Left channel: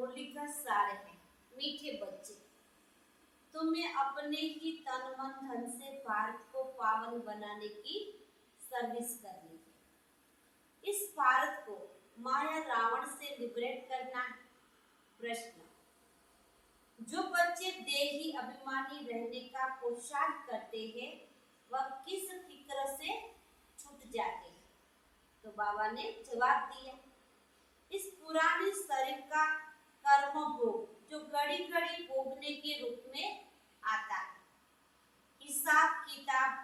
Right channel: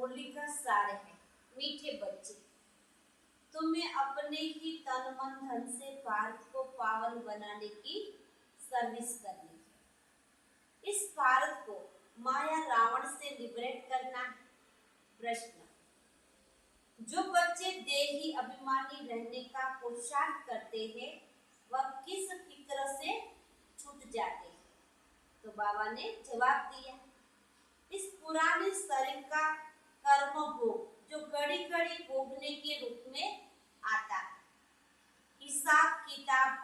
मुरली का सार है। मीठे बच्चे, तुम्हें अपने ही तन मन धन से भारत को पावन बनाने की सर्विस करनी है। इस भारत को माया रावण से लिबरेट करना है। प्रश्न, जो बच्चे देही अभिमानी रहने का पुरुषार्थ करते हैं वह किस फिक्र से छूट जाते हैं? तो बाबा ने जवाब दिया, इस पुराने शरीर का कर्म भोग जो घड़ी घड़ी भोगने के रूप में आता है, हिसाब किताब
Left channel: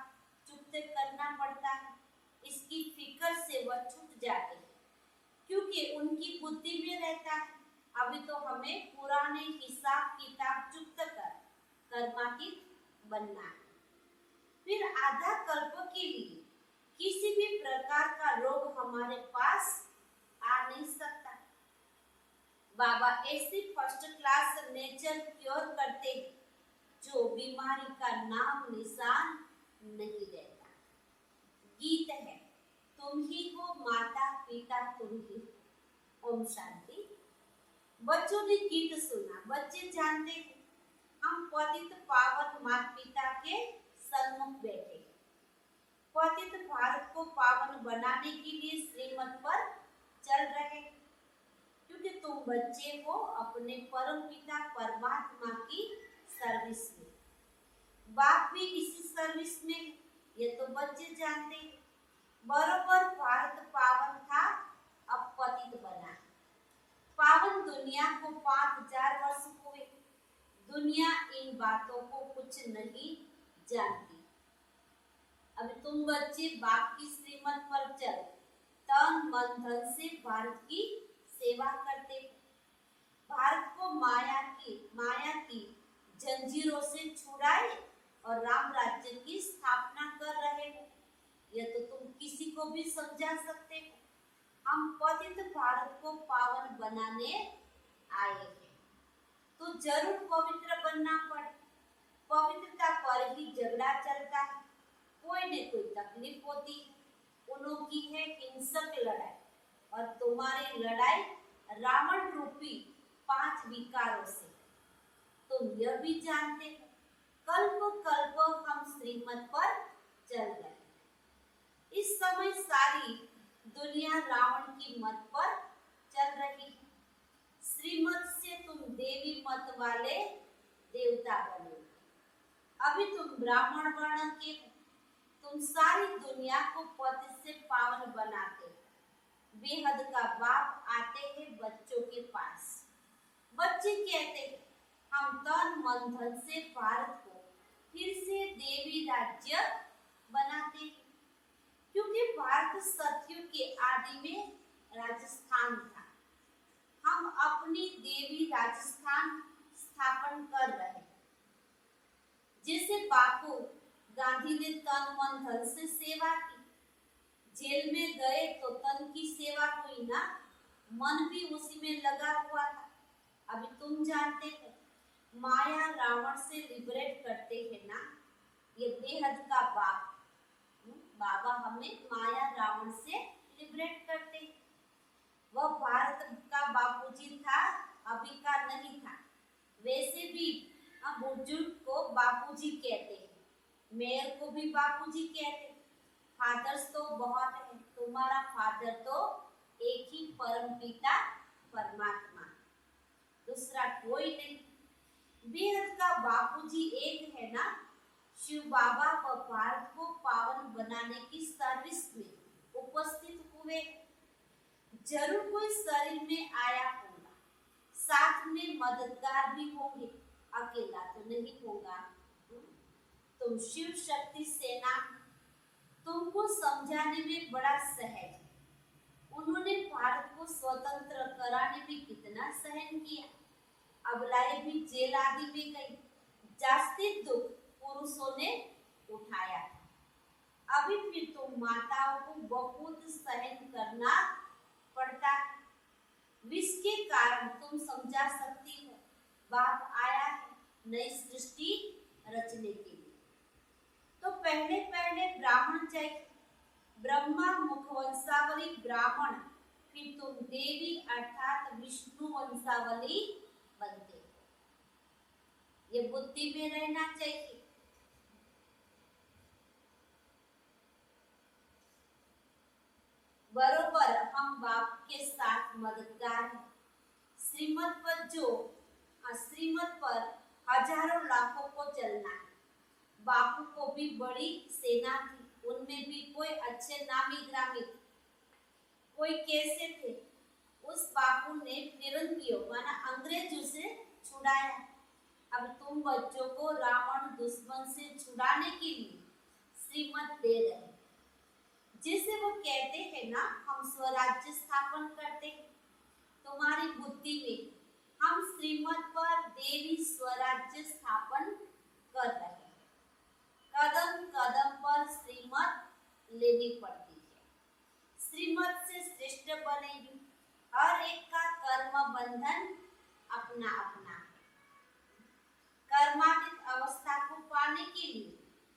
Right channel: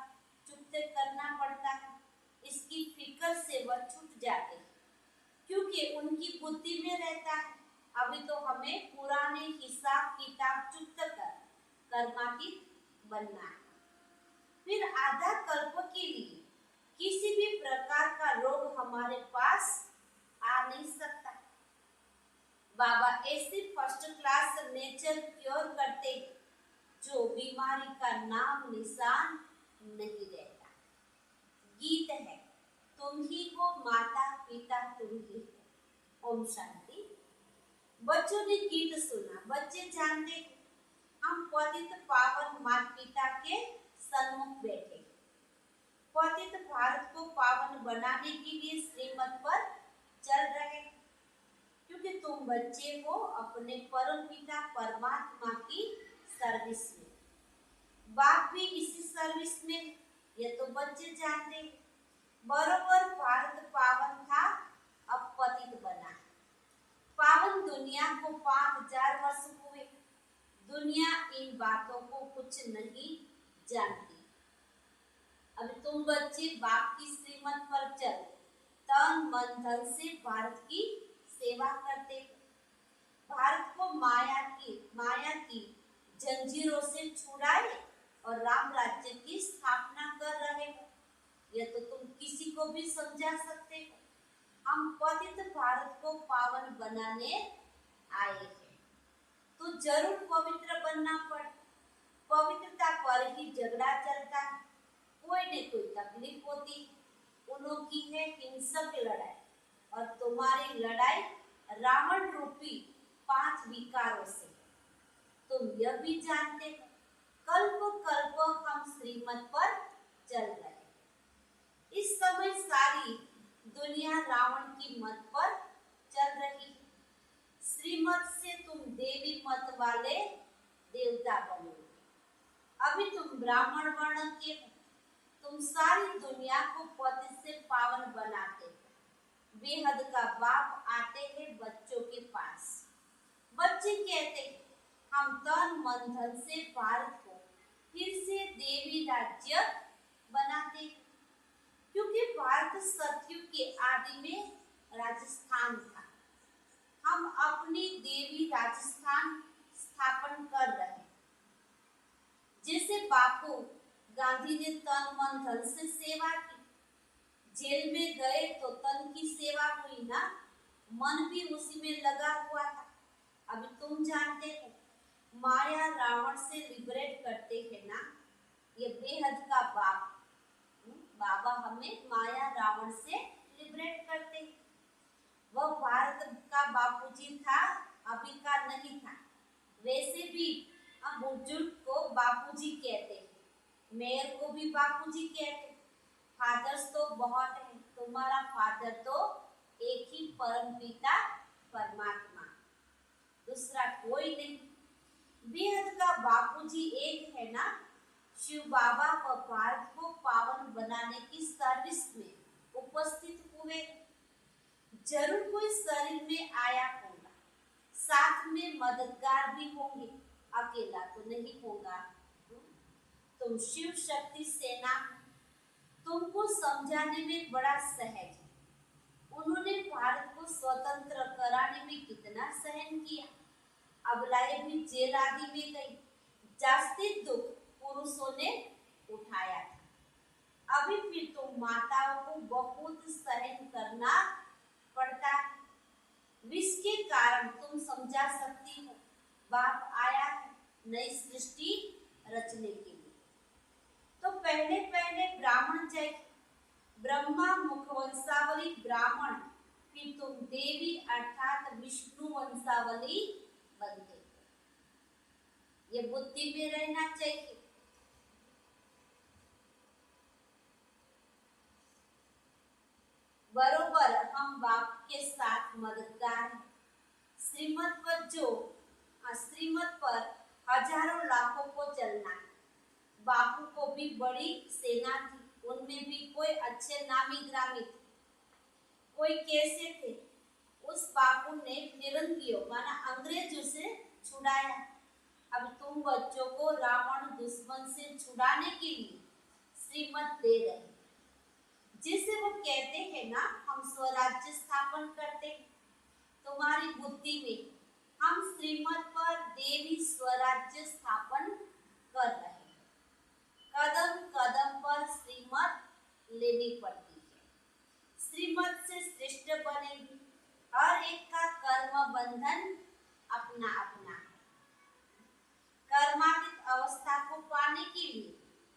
चुकते करना पड़ता है, इसकी फिक्र से वह छूट जाते हैं क्योंकि उनकी बुद्धि में रहता है अभी तो हमें पुराने हिसाब किताब चुकत कर कर्मातीत बनना है। फिर आधा कल्प के लिए किसी भी प्रकार का रोग हमारे पास आ नहीं सकता। बाबा ऐसी फर्स्ट क्लास नेचर क्योर करते हैं जो बीमारी का नाम निशान नहीं रहता। गीत है, तुम ही हो माता पिता तुम ही हो। ओम शांति। बच्चों ने गीत सुना, बच्चे जानते हैं हम पतित पावन माता पिता के सन्मुख बैठे, पतित भारत को पावन बनाने के लिए श्रीमत पर चल रहे, क्योंकि तुम बच्चे हो अपने परम पिता परमात्मा की सर्विस में। बाप भी इसी सर्विस में, ये तो बच्चे जानते हैं। बरोबर भारत पावन था, अब पतित बना। पावन दुनिया को 5000 वर्ष हुए, दुनिया इन बातों को कुछ नहीं जानती। अभी तुम बच्चे बाप की श्रीमत पर चल तन मन धन से भारत की सेवा करते हो, भारत को माया की जंजीरों से छुड़ाए और राम राज्य की स्थापना कर रहे हो। यह तो तुम किसी को भी समझा सकते हो। हम पतित भारत को पावन बनाने आए हैं, तो जरूर पवित्र बनना पड़े। पवित्रता पर ही झगड़ा चलता है, कोई न कोई तकलीफ होती है, उनकी है हिंसक लड़ाई, और तुम्हारी लड़ाई रावण रूपी 5 विकारों से। तुम यह भी जानते हो कल्प कल्प हम श्रीमत पर चल रहे हैं। इस समय सारी दुनिया रावण की मत पर चल रही है। श्रीमत से तुम देवी मत वाले देवता बने, अभी तुम ब्राह्मण वर्ण के हो। तुम सारी दुनिया को पति से पावन बनाते हो। बेहद का बाप आते हैं बच्चों के पास, बच्चे कहते हैं हम तन मन धन से भारत को फिर से देवी राज्य बनाते हैं, क्योंकि भारत सतयुग के आदि में राजस्थान था। हम अपनी देवी राजस्थान स्थापन कर रहे हैं। जैसे बापू गांधी ने तन मन धन से सेवा की, जेल में गए तो तन की सेवा हुई ना, मन भी उसी में लगा हुआ था। अभी तुम जानते हो माया रावण से लिबरेट करते हैं ना, ये बेहद का बाप बाबा हमें माया रावण से लिबरेट करते हैं। वह भारत का बापूजी था, अभी का नहीं था। वैसे भी हम बुजुर्ग को बापूजी कहते हैं, मेयर को भी बापूजी कहते हैं। फादर्स तो बहुत हैं, तुम्हारा फादर तो एक ही परम पिता परमात्मा, दूसरा कोई नहीं। बेहद का बापूजी एक है ना, शिव बाबा व भारत को पावन बनाने की सर्विस में उपस्थित हुए। जरूर कोई शरीर में आया होगा, साथ में मददगार भी होंगे, अकेला तो नहीं होगा। तुम शिव शक्ति सेना, तुमको समझाने में बड़ा सहज है। उन्होंने भारत को स्वतंत्र कराने में कितना सहन किया। अबलाएं भी जेल आदि में गई, जास्ती दुख पुरुषों ने उठाया था। अभी फिर तुम माताओं को बहुत सहन करना पड़ता है। विष के कारण तुम समझा सकती हो बाप आया है नई सृष्टि रचने के लिए। तो पहले ब्राह्मण चाहिए, ब्रह्मा मुखवंशावली ब्राह्मण, फिर तुम देवी अर्थात विष्णु वंशावली बनते हो। ये बुद्धि में रहना चाहिए। बरोबर हम बाप के साथ मददगार हैं। श्रीमत पर हजारों लाखों को चलना है। बापू को भी बड़ी सेना थी, उनमें भी कोई अच्छे नामी ग्रामी थे, कोई कैसे थे। उस बापू ने फिरंगियों माना अंग्रेजों से छुड़ाया। अब तुम बच्चों को रावण दुश्मन से छुड़ाने के लिए श्रीमत दे रहे, जिसे वो कहते हैं ना हम स्वराज्य स्थापन करते हैं। तुम्हारी बुद्धि में हम श्रीमत पर देवी स्वराज्य स्थापन कर रहे हैं। कदम कदम पर श्रीमत लेनी पड़ती है। श्रीमत से श्रेष्ठ बनेगी। हर एक का कर्म बंधन अपना अपना है। कर्मातीत अवस्था को पाने के लिए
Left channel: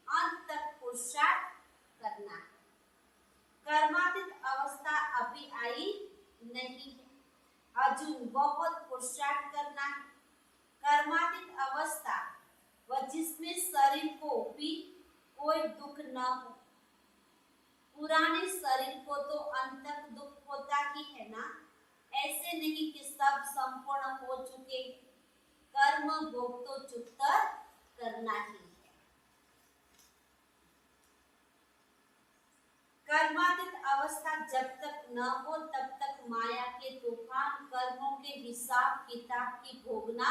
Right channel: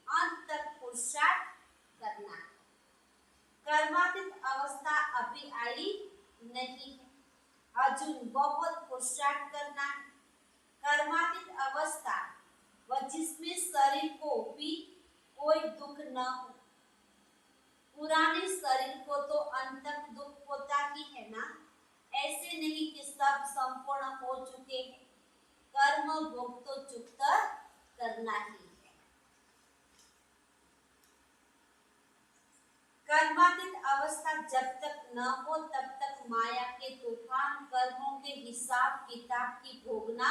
अंत तक पुरुषार्थ करना है। कर्मातीत अवस्था अभी आई नहीं है, अर्जुन बहुत पुरुषार्थ करना है। कर्मातीत अवस्था व जिसमें शरीर को भी कोई दुख न हो। पुराने शरीर को तो अंत तक दुख होता ही है ना। ऐसे नहीं कि सब संपूर्ण हो चुके हैं। कर्म भोग तो चुकता करना ही है। कर्मातीत अवस्था जब तक न हो तब तक माया के तूफान कर्मों के हिसाब किताब की भोगना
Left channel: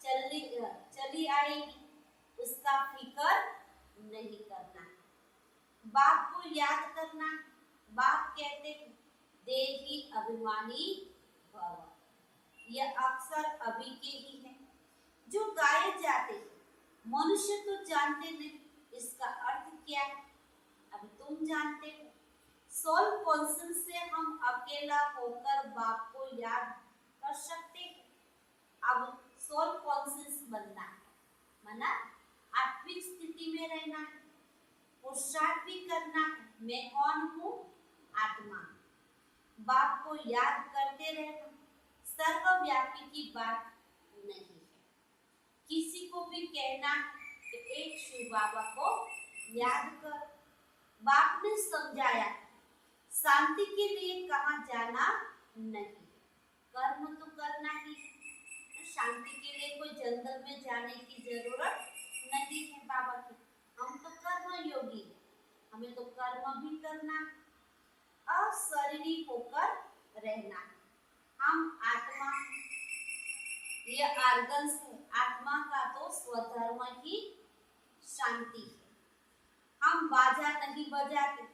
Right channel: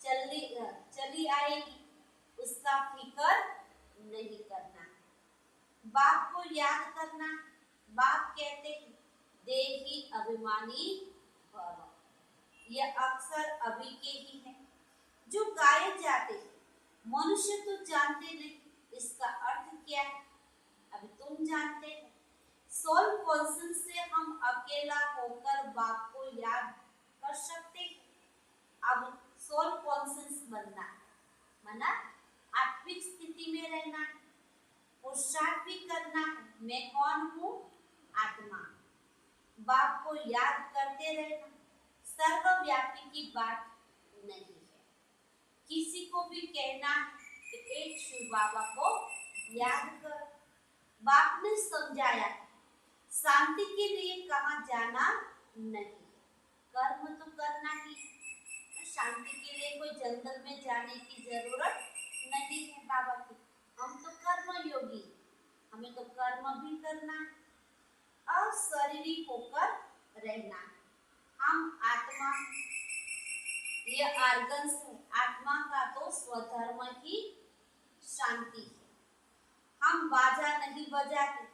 चली आएगी। उसका फिक्र नहीं करना है। बाप को याद करना। बाप कहते हैं देही अभिमानी भव। यह अक्सर अभी के ही है जो गाए जाते हैं। मनुष्य तो जानते नहीं इसका अर्थ क्या है। अभी तुम जानते हो। सोल कॉन्शियस से हम अकेला होकर बाप को याद कर सकते हैं। अब सोल कॉन्शियस बनना है, माना आत्मिक स्थिति में रहना है। पुरुषार्थ भी करना है। मैं कौन हूँ? आत्मा। बाप को याद करते रहना सर्वव्यापी की बात नहीं है। किसी को भी कहना है कि एक शिव बाबा को याद कर। बाप ने समझाया शांति के लिए कहाँ जाना नहीं है, कर्म तो करना ही है। शांति के लिए कोई जंगल में जाने की जरूरत नहीं है बाबा की। हम तो कर्म योगी, हमें तो कर्म भी करना है, अशरीरी होकर रहना है। हम आत्मा, ये आर्गन्स है। आत्मा का तो स्वधर्म ही शांति है। हम बाजा नहीं बजाते।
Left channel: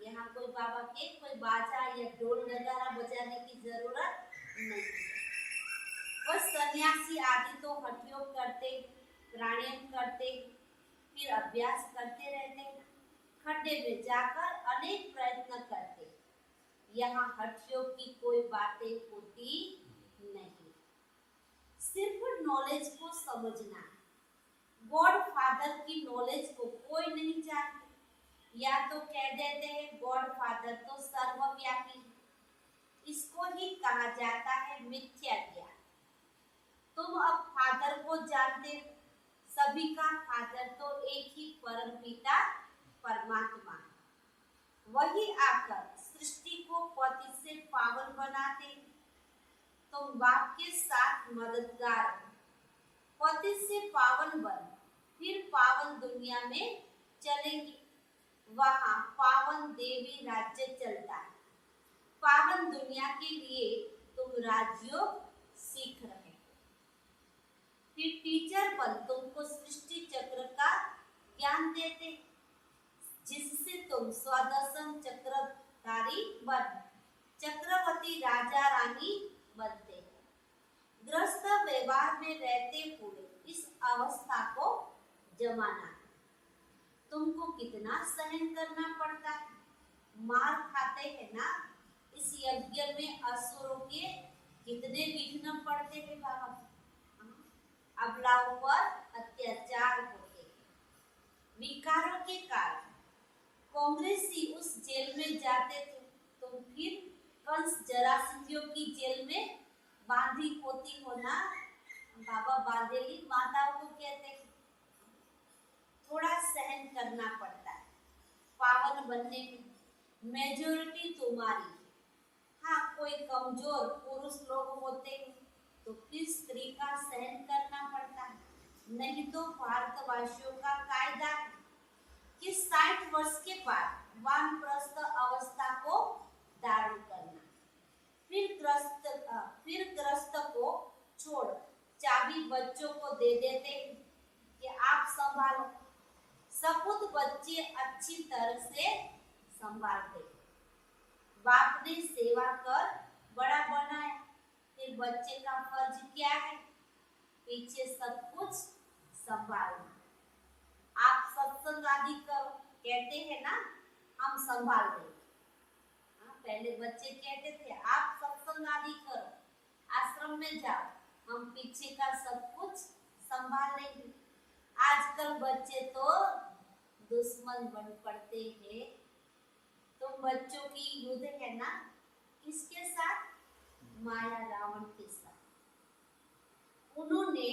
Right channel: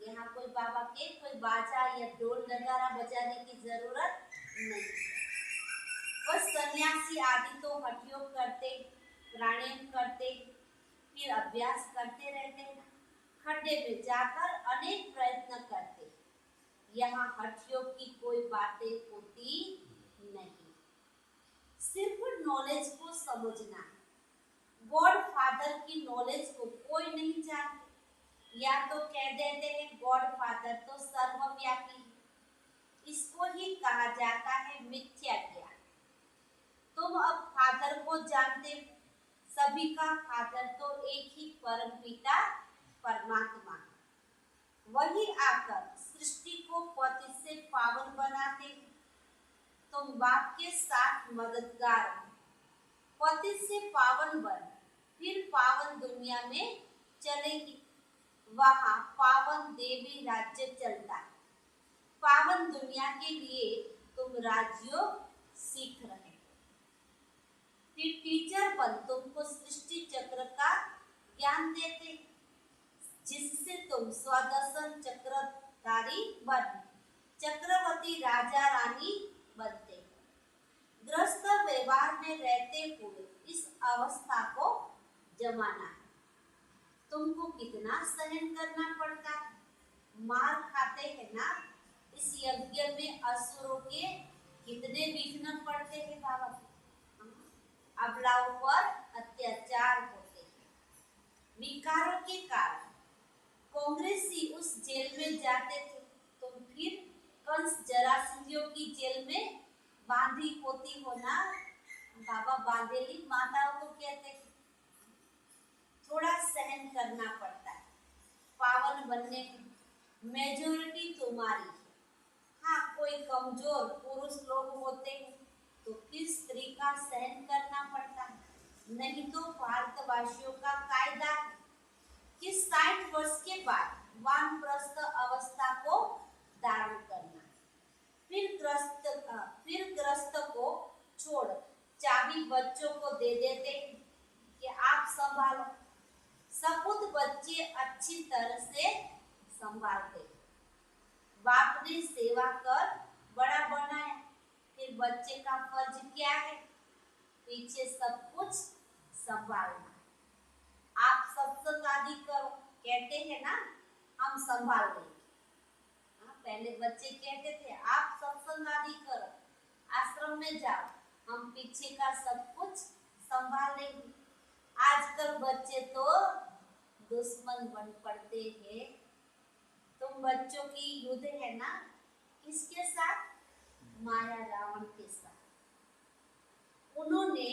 यहाँ कोई बाबा के कोई बाजा या ढोल नगारा बजाने की जरूरत नहीं है। बस सन्यासी आदि तो हठ योग करते, प्राणायाम करते, फिर अभ्यास करते रहते हैं। खड्डे में जाकर अनेक प्रयत्न करते। यहाँ हठ योग की कोई बातें होती नहीं। सिर्फ नॉलेज को समझना है। गॉड फादर की नॉलेज को कोई नहीं जानते। या तो कह देते हैं गॉड फादर तो सर्वव्यापी है। इसको ही कहा जाता है मिथ्या ज्ञान। तुम अब फादर को जानते हो। सभी का फादर तो एक ही परम पिता परमात्मा है। वही आकर सृष्टि को पति से पावन बनाते हैं। तुम बाप के साथ मददगार हो। पति से पावन बन, फिर पावन दुनिया में चलेंगे। वहां पावन देवी राज्य चलता है। पावन दुनिया के लिए तुम राजयोग सीख रहे हो। फिर टीचर बन तुमको सृष्टि चक्र का ज्ञान देते, जिससे तुम स्वदर्शन चक्रधारी बन चक्रवर्ती राजा रानी बनते हो। ग्रस्त व्यवहार में रहते हुए इस अवस्था को जमाना है। तुमको कितना सहन करना पड़ता है। मार खाते हैं ना। इस यज्ञ में असुरों के कितने विघ्न पड़ते हैं बाबा के। अबलाओं पर अत्याचार होते हैं विकारों के कारण। कांग्रेसी उस जेल में जाते थे, तुम फिर कंस जरासंधियों की जेल में बांधी होती हो ना, बाबा बांधेली माताओं को कहते हैं। थोड़ा सहन करना पड़ता है पावन बनने में, मेजोरिटी तुम्हारी है। हाँ, कोई कमजोर पुरुष लोग होते हैं तो फिर स्त्री का सहन करना पड़ता है। नहीं तो भारतवासियों का कायदा है कि 60 वर्ष के बाद वानप्रस्थ अवस्था को धारण करना। फिर ग्रस्त को छोड़ चाबी बच्चों को दे देते हैं कि आप संभालो। सपूत बच्चे अच्छी तरह से संभालते। बाप ने सेवा कर बड़ा बनाया, फिर बच्चे का फर्ज क्या है? पीछे सब कुछ संभालना। आप सत्संग आदि करो, कहते हैं ना हम संभाल लेंगे। पहले बच्चे कहते थे आप सत्संग आदि करो, आश्रम में जाओ, हम पीछे का सब कुछ संभाल लेंगे। आजकल बच्चे तो दुश्मन बन पड़ते हैं। तुम बच्चों की युद्ध है ना किसके साथ? माया रावण के साथ। उन्होंने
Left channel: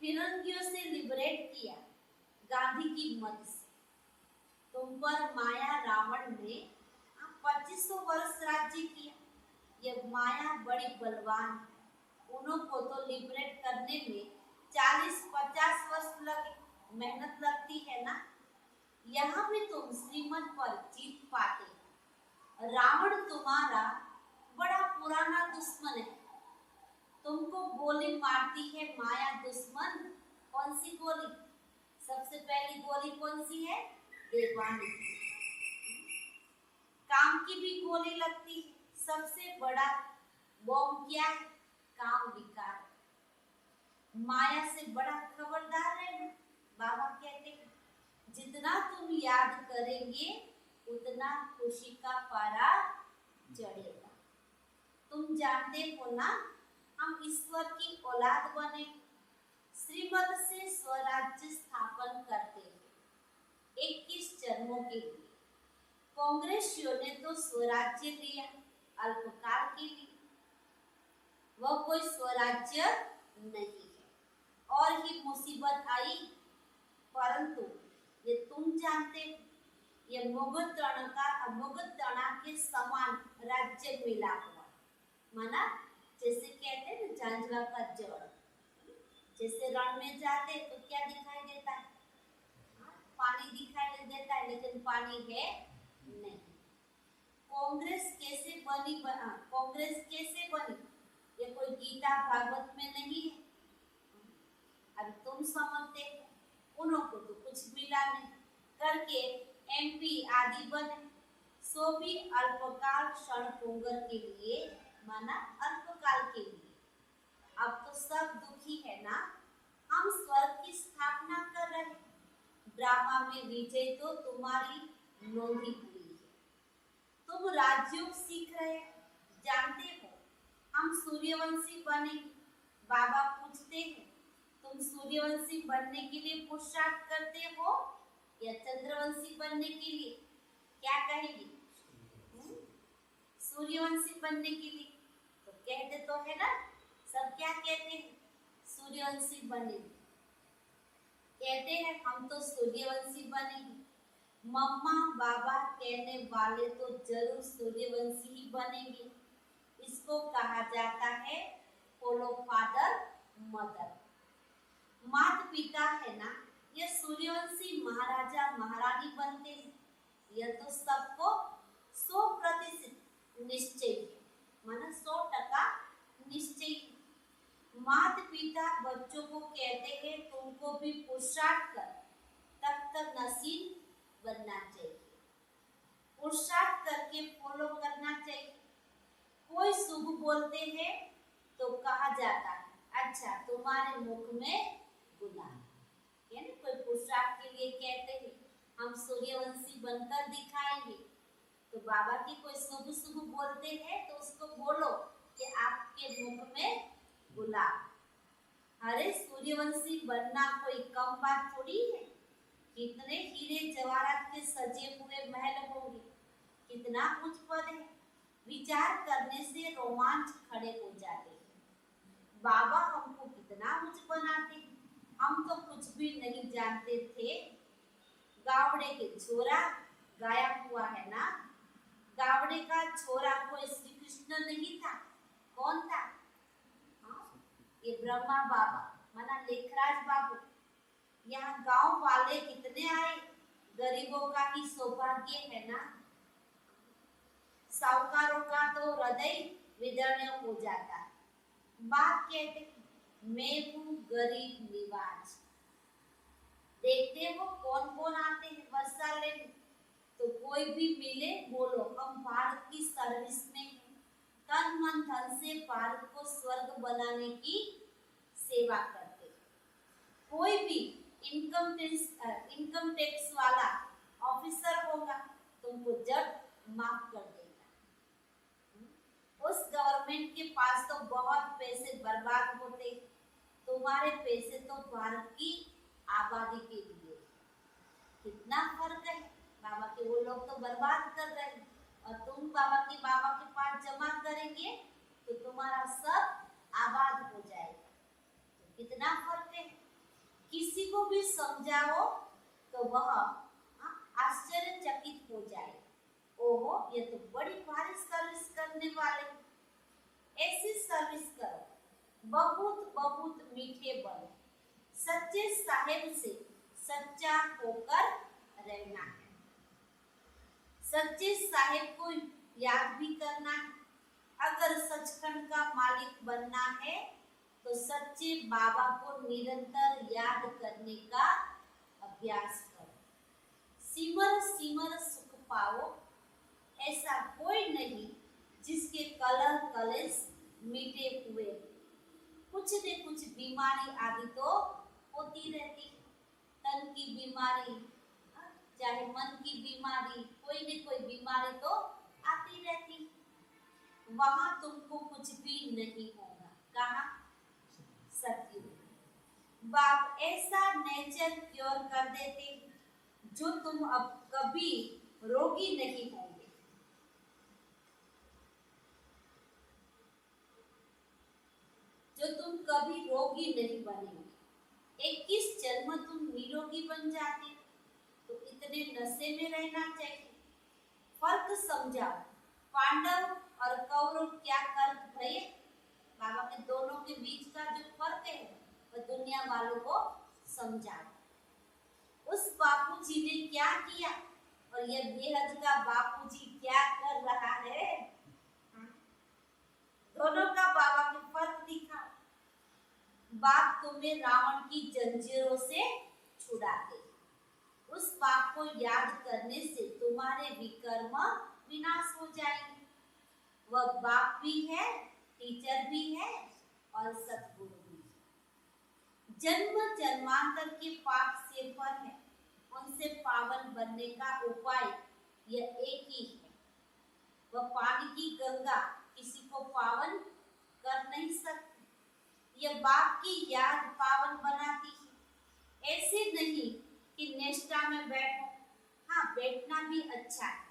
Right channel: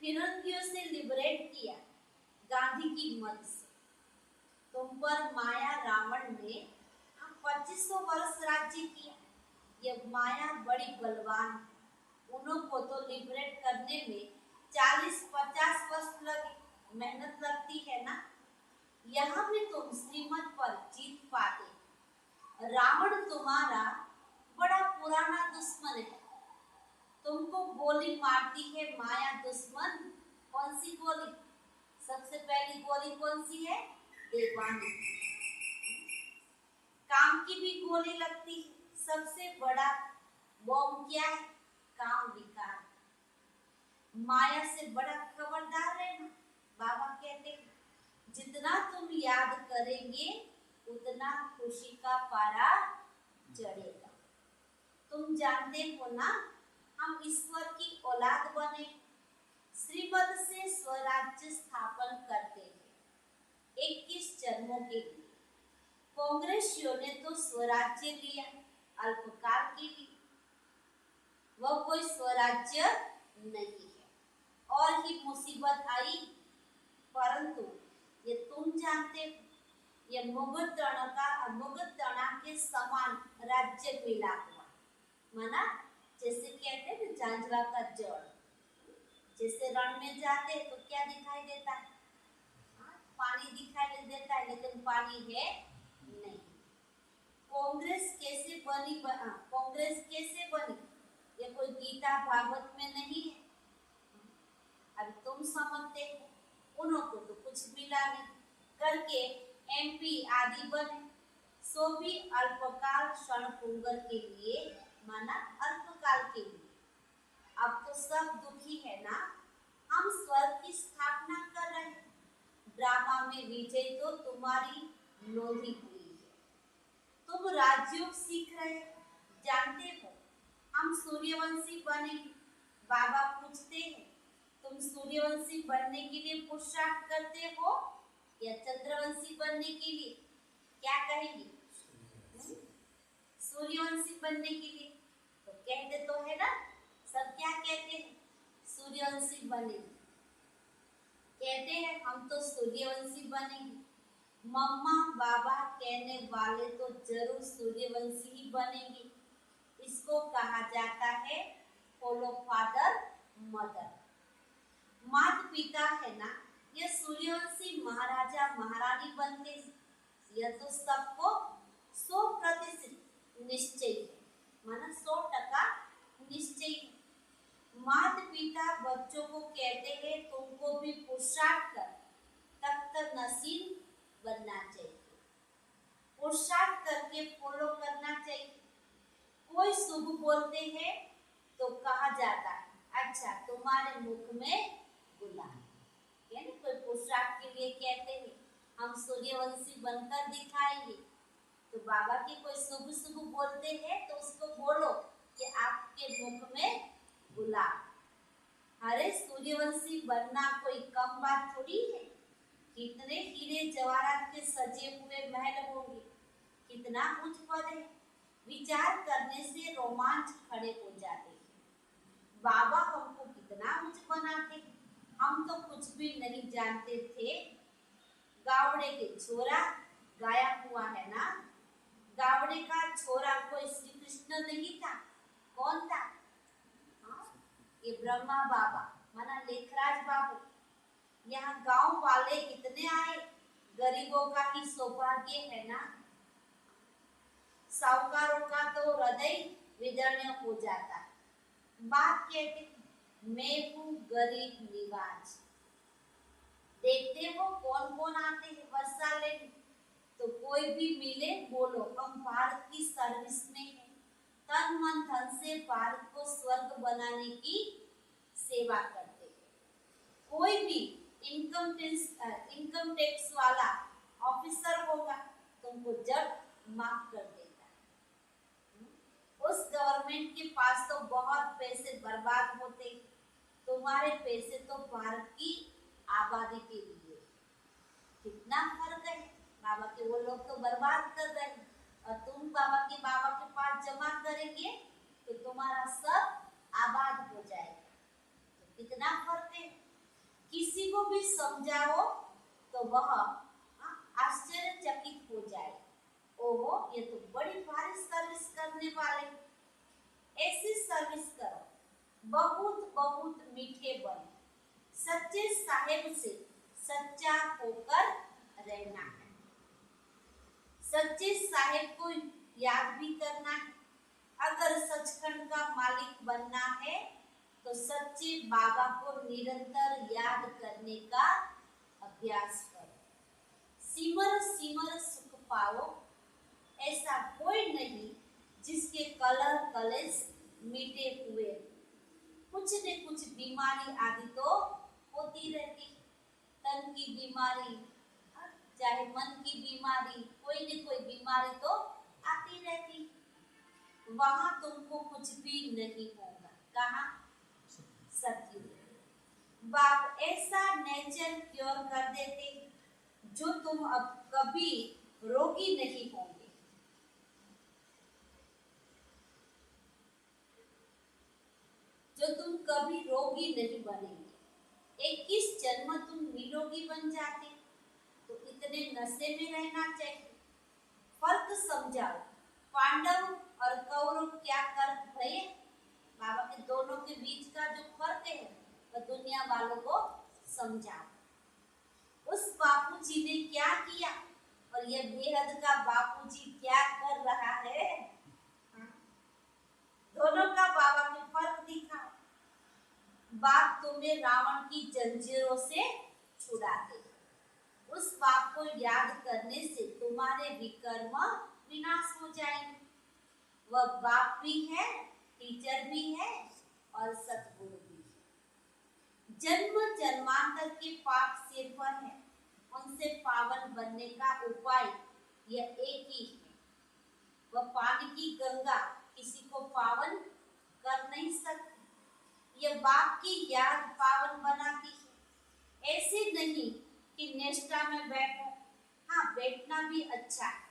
फिरंगियों से लिबरेट किया गांधी की मदद से। तुम पर माया रावण ने 2500 वर्ष राज्य किया। ये माया बड़ी बलवान है। उनको तो लिबरेट करने में 40-50 वर्ष लगे, मेहनत लगती है ना। यहाँ भी तुम श्रीमत पर जीत पाते। रावण तुम्हारा बड़ा पुराना दुश्मन है। तुमको गोली मारती है माया दुश्मन। कौन सी गोली? सबसे पहली गोली कौन सी है? देवानी। काम की भी गोली लगती है। सबसे बड़ा बॉम्ब क्या है? काम विकार। माया से बड़ा खबरदार रहना। बाबा कहते हैं जितना तुम याद करेंगे उतना खुशी का पारा चढ़ेगा। तुम जानते हो ना हम ईश्वर की औलाद बने, श्रीमत से स्वराज्य स्थापन करते हैं 21 जन्मों के लिए। कांग्रेसियों ने तो स्वराज्य लिया अल्पकाल के लिए, वह कोई स्वराज्य नहीं है। और ही मुसीबत आई, परंतु ये तुम जानते हो ये मुगट तना के समान राज्य मिला हुआ, माना जैसे कहते हैं ना झांझवा का जड़। जैसे रण में जाते तो क्या दिखाई देता है? पानी दिखाई देता है, लेकिन पानी है नहीं। कांग्रेस कैसे बनी? कांग्रेस कैसे बनी? ये कोई गीता भागवत में नहीं है। अब तुम समझते हो, उनको तो कुछ मिला नहीं करके एमपी आदि बने, सो भी अल्पकाल क्षण पुंगर के लिए, माना अल्पकाल के लिए। अब तो सब दुखी है ना। हम स्वर्ग की स्थापना कर रहे हैं। ड्रामा में विजय तो तुम्हारी नोंदी हुई है। तुम राजयोग सीख रहे, जानते हो हम सूर्यवंशी बनेंगे। बाबा पूछते हैं तुम सूर्यवंशी बनने के लिए पुरुषार्थ करते हो या चंद्रवंशी बनने के लिए? क्या कहेंगे? सूर्यवंशी बनने के लिए। तो कहते तो है ना, सब क्या कहते हैं? सूर्यवंशी बनेंगे। कहते हैं हम तो सूर्यवंशी बनेंगे। मम्मा बाबा कहने वाले तो जरूर सूर्यवंशी ही बनेंगे। इसको कहा जाता है फॉलो फादर मदर। माता पिता है ना, ये सूर्यवंशी महाराजा महारानी बनते हैं। यह तो सबको 100% निश्चय है, माना 100% निश्चय है। माता पिता बच्चों को कहते हैं तुमको भी पुरुषार्थ कर तख्त नसीब बनना चाहिए, पुरुषार्थ करके फॉलो करना चाहिए। कोई शुभ बोलते हैं तो कहा जाता है अच्छा तुम्हारे मुख में गुलाब, यानी कोई पुरुषार्थ के लिए कहते हैं हम सूर्यवंशी बनकर दिखाएंगे। तो बाबा की कोई शुभ शुभ बोलते हैं तो उसको बोलो कि आपके मुख में गुलाब। अरे सूर्यवंशी बनना कोई कम बात थोड़ी है। कितने हीरे जवाहरात के सजे हुए महल होंगे, कितना उच्च पद है। विचार करने से रोमांच खड़े हो जाते हैं। बाबा हमको कितना कुछ बनाते हैं, हम तो कुछ भी नहीं जानते थे। गावड़े के छोरा गाया हुआ है ना, गावड़े का छोरा कोई श्री कृष्ण नहीं था, कौन था? हाँ? ये ब्रह्मा बाबा माना लेखराज बाबू। यहाँ गांव वाले कितने आए, गरीबों का ही सौभाग्य है ना। साहूकारों का तो हृदय विदीर्ण हो जाता है। बात कहते मैं हूँ गरीब निवाज। देखते हो कौन कौन आते हैं वर्षा लेने, तो कोई भी मिले बोलो हम भारत की सर्विस में हैं, तन मन धन से भारत को स्वर्ग बनाने की सेवा करते हैं। कोई भी इनकम टैक्स वाला ऑफिसर होगा तुमको जब माफ कर देगा। उस गवर्नमेंट के पास तो बहुत पैसे बर्बाद होते, तुम्हारे पैसे तो भारत की आबादी के लिए। कितना फर्क है, बाबा के वो लोग तो बर्बाद कर रहे हैं और तुम बाबा के पास जमा करेंगे तो तुम्हारा सब आबाद हो जाएगा। तो कितना फर्क है। किसी को भी समझाओ तो वह आश्चर्यचकित हो जाए, ओहो ये तो बड़ी भारी सर्विस करने वाले। ऐसी सर्विस करो, बहुत बहुत मीठे बनो, सच्चे साहेब से सच्चा होकर रहना है। सच्चे साहेब को याद भी करना है। अगर सचखंड का मालिक बनना है तो सच्चे बाबा को निरंतर याद करने का अभ्यास करो। सिमर सिमर सुख पाओ, ऐसा कोई नहीं जिसके कलह कलेश मिटे हुए। कुछ न कुछ बीमारी आदि तो होती रहती, तन की बीमारी चाहे मन की बीमारी, कोई न कोई बीमारी तो आती रहती। वहां तुमको कुछ भी नहीं होगा। कहाँ? सतयुग। बाप ऐसा नेचर क्योर कर देते जो तुम अब कभी रोगी नहीं होंगे। जो तुम कभी रोगी नहीं बनेंगे। 21 जन्म तुम निरोगी बन जाते, तो इतने नशे में रहना चाहिए। फर्क समझाओ, पांडव और कौरव क्या कर भये? बाबा के दोनों के बीच का जो फर्क है वह दुनिया वालों को समझाओ। उस बापूजी ने क्या किया और यह बेहद का बापूजी क्या कर रहा है। दोनों का बाबा के फर्क दिखाओ। बाप तुम्हें रावण की जंजीरों से छुड़ाते, उस बाप को याद करने से तुम्हारे विकर्म विनाश हो जाएंगे। वह बाप भी है, टीचर भी है और सतगुरु भी है। जन्म जन्मांतर के पाप सिर पर है, उनसे पावन बनने का उपाय यह एक ही है। वह पानी की गंगा किसी को पावन कर नहीं सकती। यह बाप की याद पावन बनाती है। ऐसे नहीं कि निष्ठा में बैठो, हाँ बैठना भी अच्छा है,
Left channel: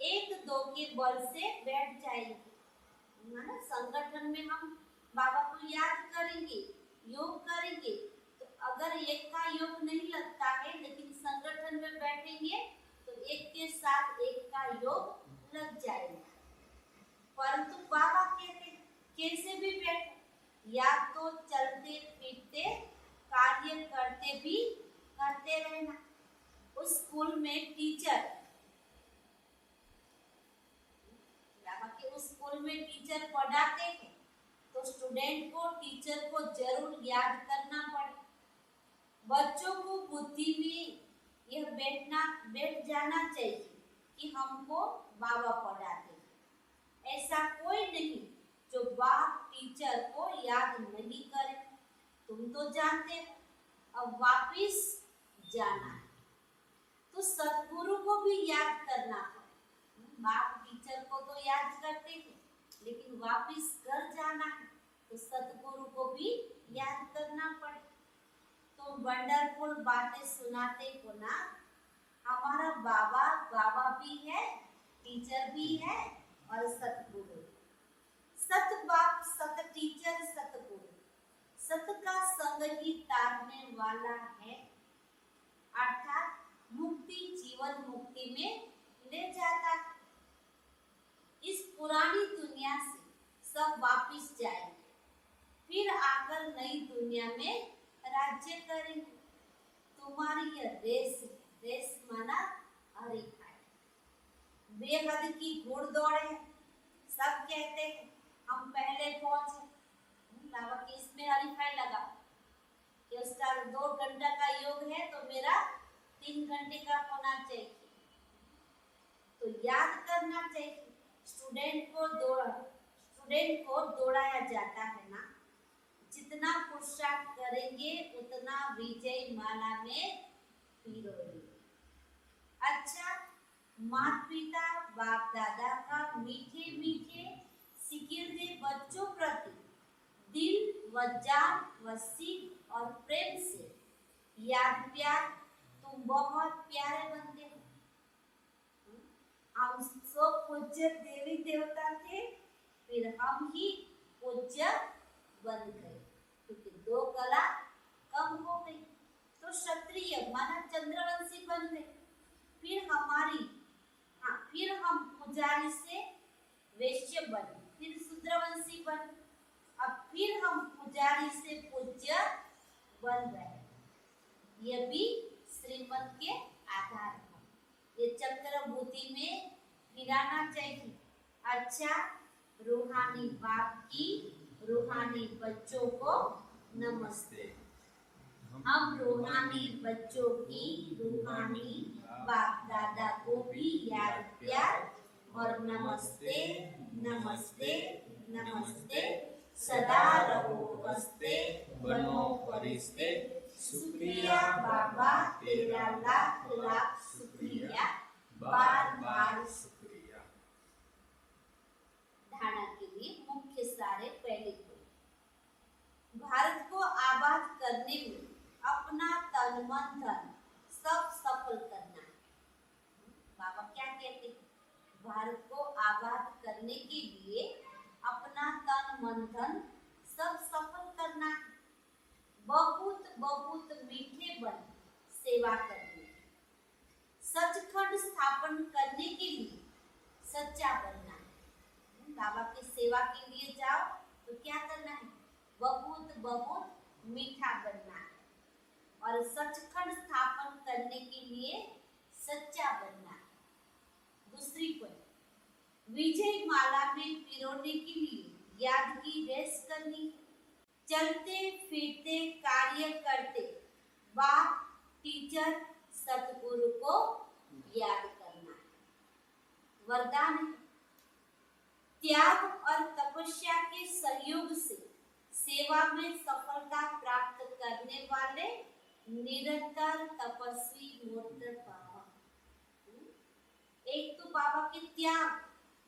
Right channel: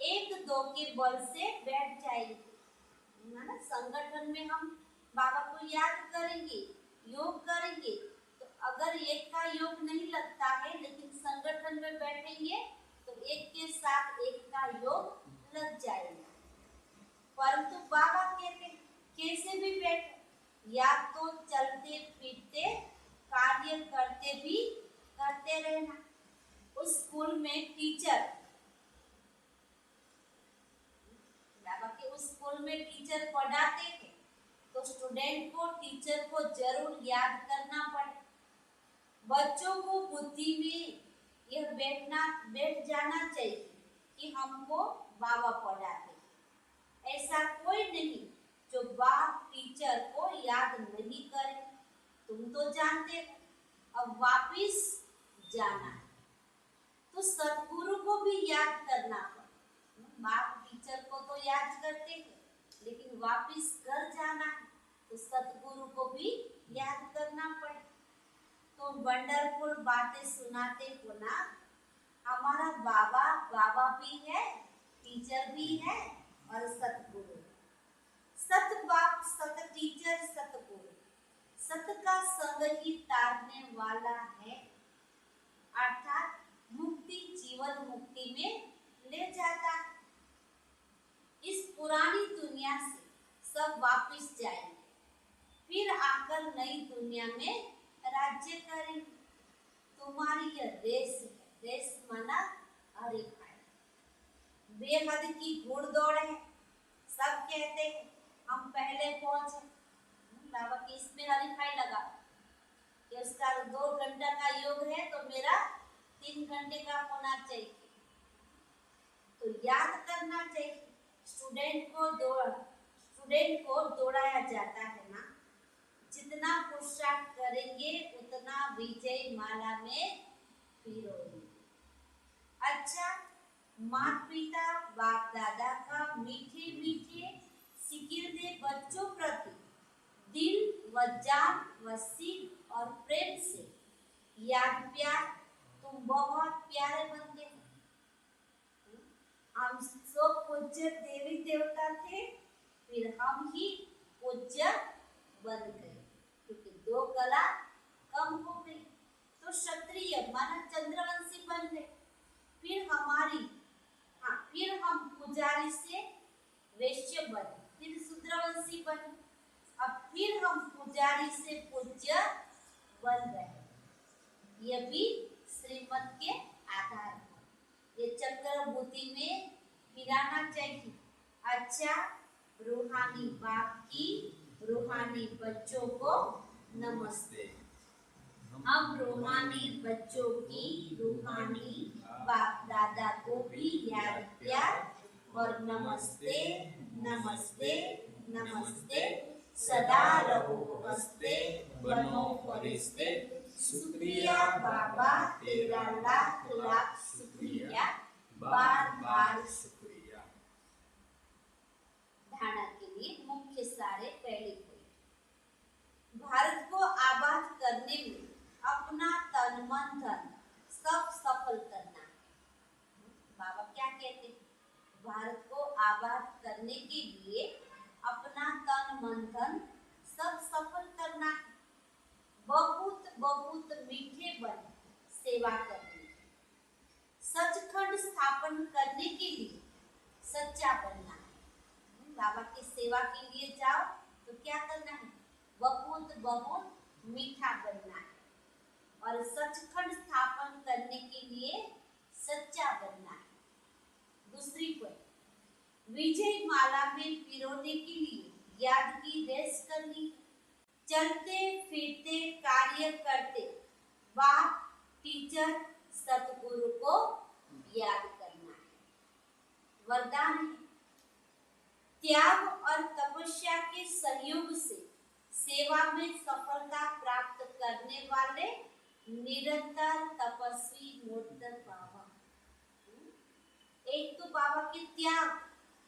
एक दो के बल से बैठ जाएंगे ना। संगठन में हम बाबा को याद करेंगे, योग करेंगे, तो अगर एक का योग नहीं लगता है लेकिन संगठन में बैठेंगे तो एक के साथ एक का योग लग जाएगा। परंतु बाबा कहते कैसे भी बैठो, या तो चलते फिरते कार्य करते रहना। उस स्कूल में टीचर, बाबा के उस स्कूल में टीचर पढ़ाते हैं तो स्टूडेंट को टीचर को जरूर याद करना पड़े। बच्चों को बुद्धि में यह बैठ जाना चाहिए कि हमको बाबा पढ़ाते हैं। ऐसा कोई नहीं जो बाप टीचर को याद नहीं करे। तुम तो जानते हो अब वापिस जाना है तो सतगुरु को भी याद करना पड़े। बाप टीचर को तो याद करते हैं लेकिन वापिस घर जाना है तो सतगुरु को भी याद करना पड़े। तो वंडरफुल बातें सुनाते हो ना। हमारा बाबा बाबा भी है, टीचर भी है और सतगुरु। सत बाप, सत टीचर, सतगुरु, सत का संग ही तारने वाला है, अर्थात मुक्ति, जीवन मुक्ति में ले जाता है। इस पुरानी दुनिया से सब वापिस जाएंगे, फिर आकर नई दुनिया में राज्य करेंगे। तुम्हारी यह रेस है, रेस माना हरीफाई, बेहद की घुड़दौड़ है। सब कहते हैं हम पहले पहुंचे, बाबा की इसमें हरीफाई लगा कि उसका 2 घंटा का योग है तो मेरा 3 घंटे का होना चाहिए। तो याद करना चाहिए, स्टूडेंट को दौड़ाया जाता है ना, जितना पुरुषार्थ करेंगे उतना विजय माला में पिरोएंगे। अच्छा, माता पिता बाप दादा का मीठे मीठे सिकिरदे बच्चों प्रति दिल व जान व सीख और प्रेम से याद प्यार, तुम बहुत प्यारे बनते हो। हम सब पूज्य देवी देवता थे, फिर हम ही पूज्य बन गए, क्योंकि 2 कला कम हो गई तो क्षत्रिय माना चंद्रवंशी बन गए। फिर हम पुजारी से वैश्य बने, फिर शूद्रवंशी बने, अब फिर हम पुजारी से पूज्य बन रहे। यह भी श्रीमत के आधार पर ये चक्रभूति में फिराना चाहिए। अच्छा, रूहानी बाप की रूहानी बच्चों को नमस्ते। हम रूहानी बच्चों की रूहानी बाप दादा को भी याद प्यार और नमस्ते नमस्ते नमस्ते। सदा रहो हंसते, बनो फरिश्ते। शुक्रिया बाबा, तेरा लाख लाख शुक्रिया, बार बार शुक्रिया। धारणा के लिए मुख्य सारे पहले पॉइंट। भारत को आबाद करने में अपना तन मन धन सब सफल करना है। बाबा क्या कहते हैं? भारत को आबाद करने के लिए अपना तन मन धन सब सफल करना है। बहुत बहुत मीठे बन सेवा करनी है। सचखंड स्थापन करने के लिए सच्चा बनना है। बाबा की सेवा के लिए जाओ तो क्या करना है? बहुत बहुत मीठा बनना है। और सचखंड स्थापन करने के लिए सच्चा बनना है। दूसरी पॉइंट, विजय माला में पिरोने के लिए याद की रेस करनी है। चलते फिरते कार्य करते बाप टीचर सतगुरु को याद करना है। वरदान है, त्याग और तपस्या के सहयोग से सेवा में सफलता प्राप्त करने वाले निरंतर तपस्वी मूर्त बाबा। एक तो बाबा के त्याग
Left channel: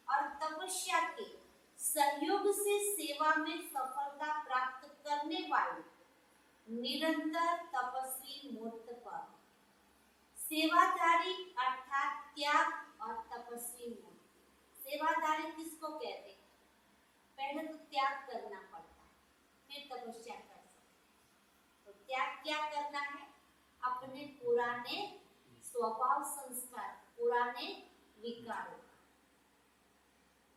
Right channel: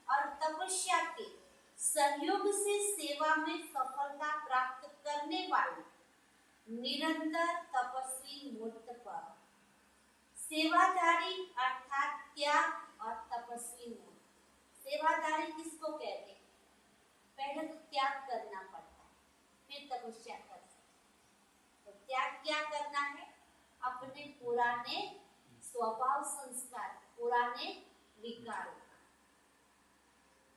और तपस्या के सहयोग से सेवा में सफलता प्राप्त करने वाले निरंतर तपस्वी मूर्त बाबा। सेवाधारी अर्थात त्याग और तपस्वी मूर्त। सेवाधारी किसको कहते हैं? पहले तो त्याग करना पड़ता है, फिर तपस्या कर सकते। तो त्याग क्या करना है? अपने पुराने स्वभाव संस्कार, पुराने विकारों का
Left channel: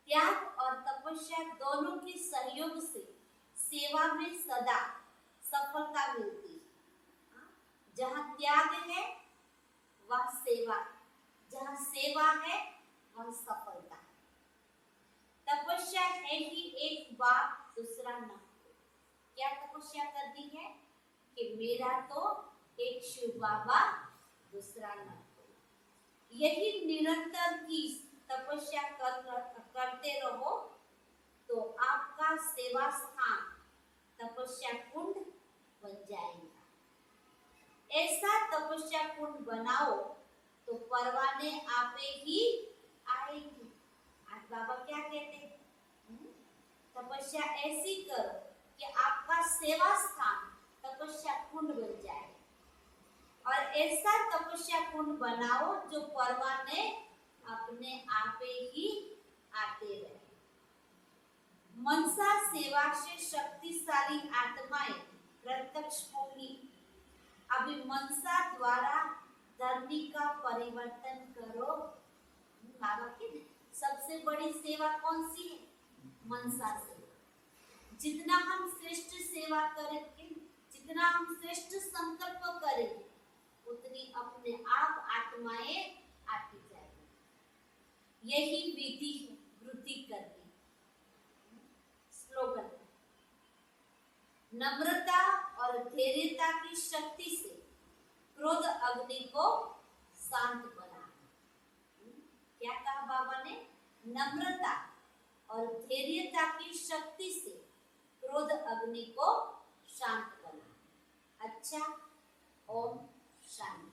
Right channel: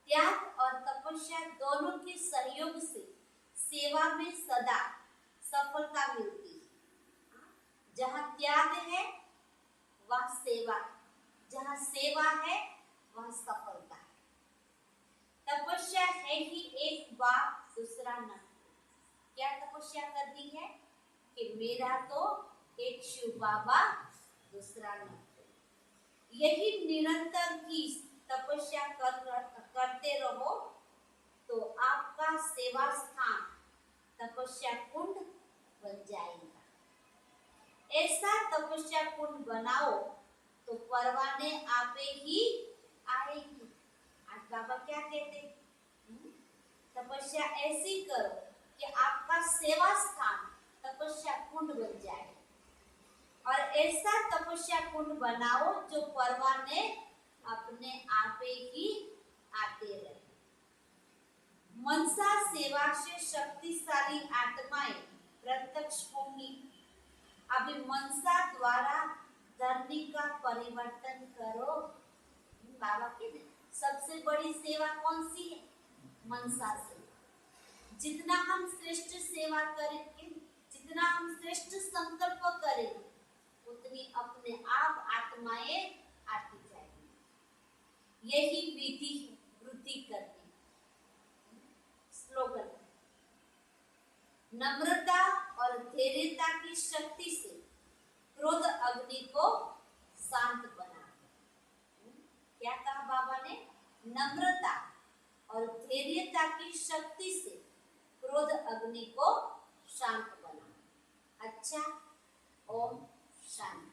त्याग और तपस्या दोनों के सहयोग से सेवा में सदा सफलता मिलती है। जहाँ त्याग है वह सेवा है, जहाँ सेवा है वह सफलता है। तपस्या है ही एक बाप दूसरा न कोई। क्या तपस्या करनी है? कि मेरा तो एक शिव बाबा दूसरा न कोई। यही निरंतर की तपस्या करते रहो तो आपका सेवा स्थान तपस्या कुंड बन जाएगा। ऐसा तपस्या कुंड बनाओ तो परवाने आपे ही आएंगे। आज बाबा क्या कहते हैं? तपस्या ऐसी करो कि आपका सेवा स्थान तपस्या कुंड बन जाए। और ऐसा तपस्या कुंड बनाओ जो परवाने अपने आपे ही आते रहे। मनसा सेवा से शक्तिशाली आत्माएं प्रत्यक्ष होंगी। अभी मनसा द्वारा धरनी का परिवर्तन करो। बाबा की सबसे बड़ी सेवा कौन सी है? मनसा सेवा। जितना हम श्रेष्ठ सेवा करेंगे, जितना हम श्रेष्ठ संकल्प करेंगे, उतनी अपने आप आत्माएं आती जाएगी। यही विधि है वृद्धि करने। स्लोगन: नम्रता और धैर्यता की शक्ति से क्रोध अग्नि को शांत बना। क्या कहा बाबा ने? नम्रता और धैर्यता की शक्ति से क्रोध अग्नि को शांत बना। अच्छा, ओम शांति।